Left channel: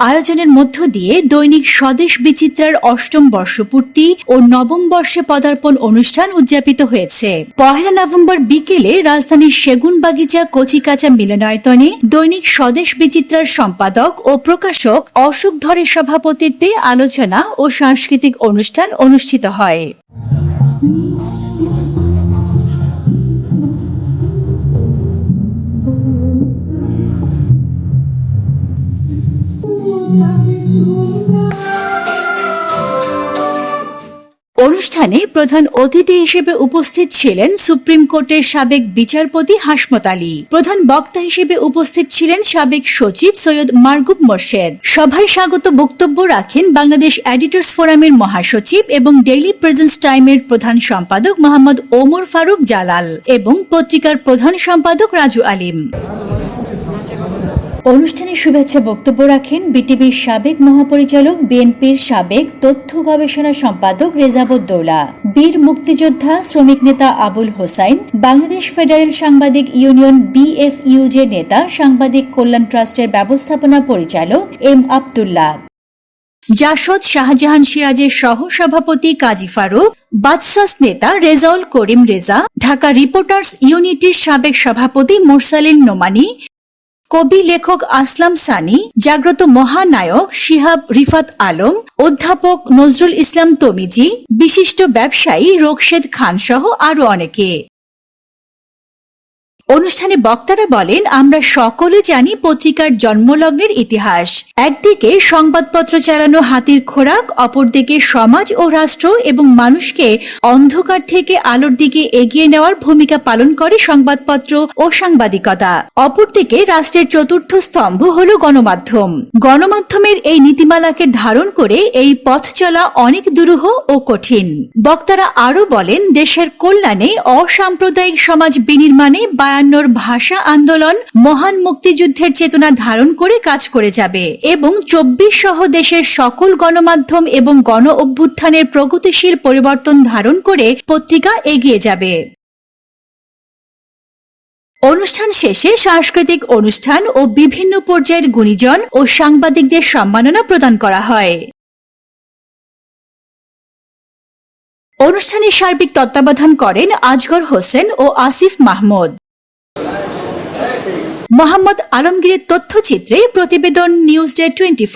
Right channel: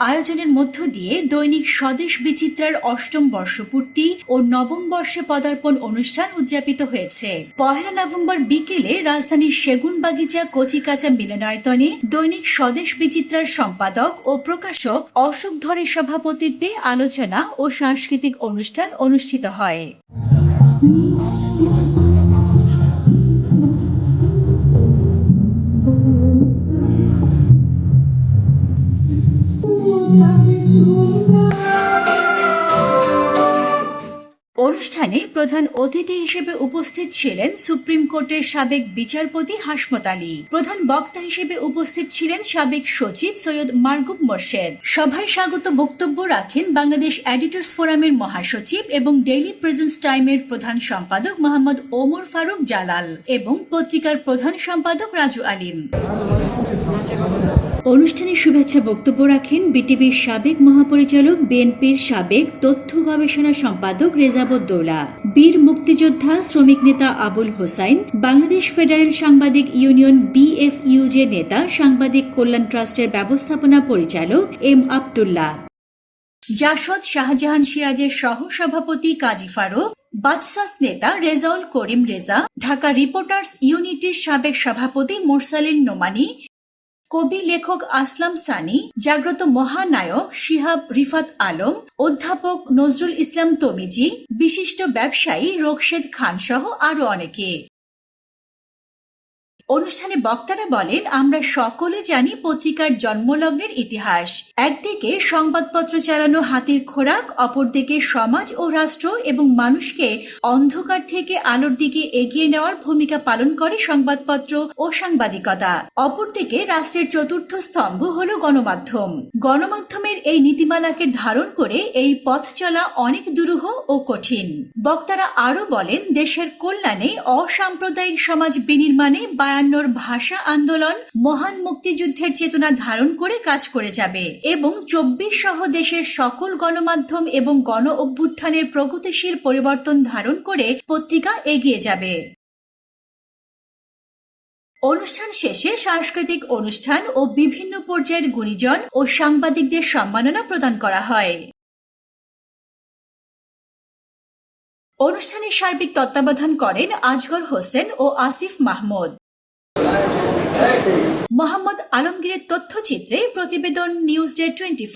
আয়োজনের মধ্য দিয়ে দৈনিক স্বদেশ বিচিত্রার অষ্টম বর্ষপূর্তি ও নবম বর্ষে পদার্পণ অনুষ্ঠান উদযাপিত হয়েছে। পহেলা নভেম্বর বিকেলে রাজধানীর সেগুন সেগুনবাগিচা কচিকাচা মিলনায়তনে দৈনিক স্বদেশ বিচিত্রার সম্পাদক ও প্রকাশক অশোক ধরের সভাপতিত্বে আলোচনা ও সাংস্কৃতিক অনুষ্ঠান অনুষ্ঠিত হয়। অনুষ্ঠানে প্রধান অতিথি হিসেবে উপস্থিত ছিলেন সুপ্রিম কোর্টের সাবেক বিচারপতি হাসমত আলী। প্রধান বক্তা হিসেবে উপস্থিত ছিলেন সাবেক সচিব সৈয়দ মারগুব মোর্শেদ। সভায় স্বাগত বক্তব্য রাখেন বাংলাদেশ এডিটর্স ফোরামের মহাসচিব এবং ডেইলি প্রেজেন্স টাইমের প্রধান সম্পাদক মোহাম্মদ ওমর ফারুক জালাল এবং পত্রিকার প্রধান সম্পাদক রাজু আলিম। অনুষ্ঠানে শুভেচ্ছা বক্তব্য রাখেন বিটিভির সাবেক মহাপরিচালক, বিএনপির সাবেক তথ্য গবেষণা সম্পাদক রেজাবুদ্দৌলা বীর মুক্তিযোদ্ধা শ্রমিক নেতা আবুল হোসাইন, বাংলাদেশ ফেডারেল সাংবাদিক ইউনিয়ন বিএফইউজে নেতা, সাংবাদিক কল্যাণ ট্রাস্টের ব্যবস্থাপনা পরিচালক এম আবদুল্লাহ। জাসদ শাহজাহান সিরাজের সহ সভাপতি কাজী ফারুক, বাদশাস নেতা রেজাউল করিম রেজা, ঢাকা রিপোর্টার্স ইউনিটির সাবেক সভাপতি মোরসালিন নোমানি কবি লেখক আসলাম সানি, জাগ্রত মহানায়ক শিহাব রিফাত আলম, অধ্যাপক নজরুল ইসলাম তমিজি, বিশিষ্ট ব্যবসায়ী রোকশেদ খান সহ আরও অনেকে। অনুষ্ঠানে বক্তারা বলেন, আমরা সকলে জানি পত্রিকার জন্মলগ্নের ইতিহাস। একদিকে সংবাদপত্র চালানো হাতির খোরাক, অপরদিকে সমাজ ও রাষ্ট্র এবং মানুষকে অন্ধকার থেকে আলোর দিকে এগিয়ে নেওয়ার ভূমিকা পালন করে সংবাদপত্র ও সাংবাদিকতা। অপরদিকে রাষ্ট্রের চতুর্থ স্তম্ভ হল গণমাধ্যম। গণমাধ্যমের এই নীতিমালাকে ধারণ করে এই পথ চলা অনেক দুরূহ ও কঠিন। বক্তারা আরও বলেন, দেশের কল্যাণে অসাম্প্রদায়িক সমাজ বিনির্মাণে বায়ান্নর ভাষা আন্দোলন মহান মুক্তিযুদ্ধের চেতনা ধারণ করে কাজ করে যাবে। এবং চব্বিশ সহ দেশের সকল গণমাধ্যম এবং গণ অভ্যুত্থানের প্রগতিশীল পরিবর্তন ধারণ করে পত্রিকা এগিয়ে যাবে। অনুষ্ঠান শেষে সাংস্কৃতিক অনুষ্ঠান ও বিভিন্ন পর্যায়ের গুণীজন ও সাংবাদিকদের সম্মাননা প্রদান করা হয়। অনুষ্ঠানে সার্বিক তত্ত্বাবধান করেন আজগর হোসেন ও আসিফ মাহমুদ। মোহাম্মদ আলমগীরের তথ্যচিত্রে প্রতিবেদন নিউজ ডে টোয়েন্টি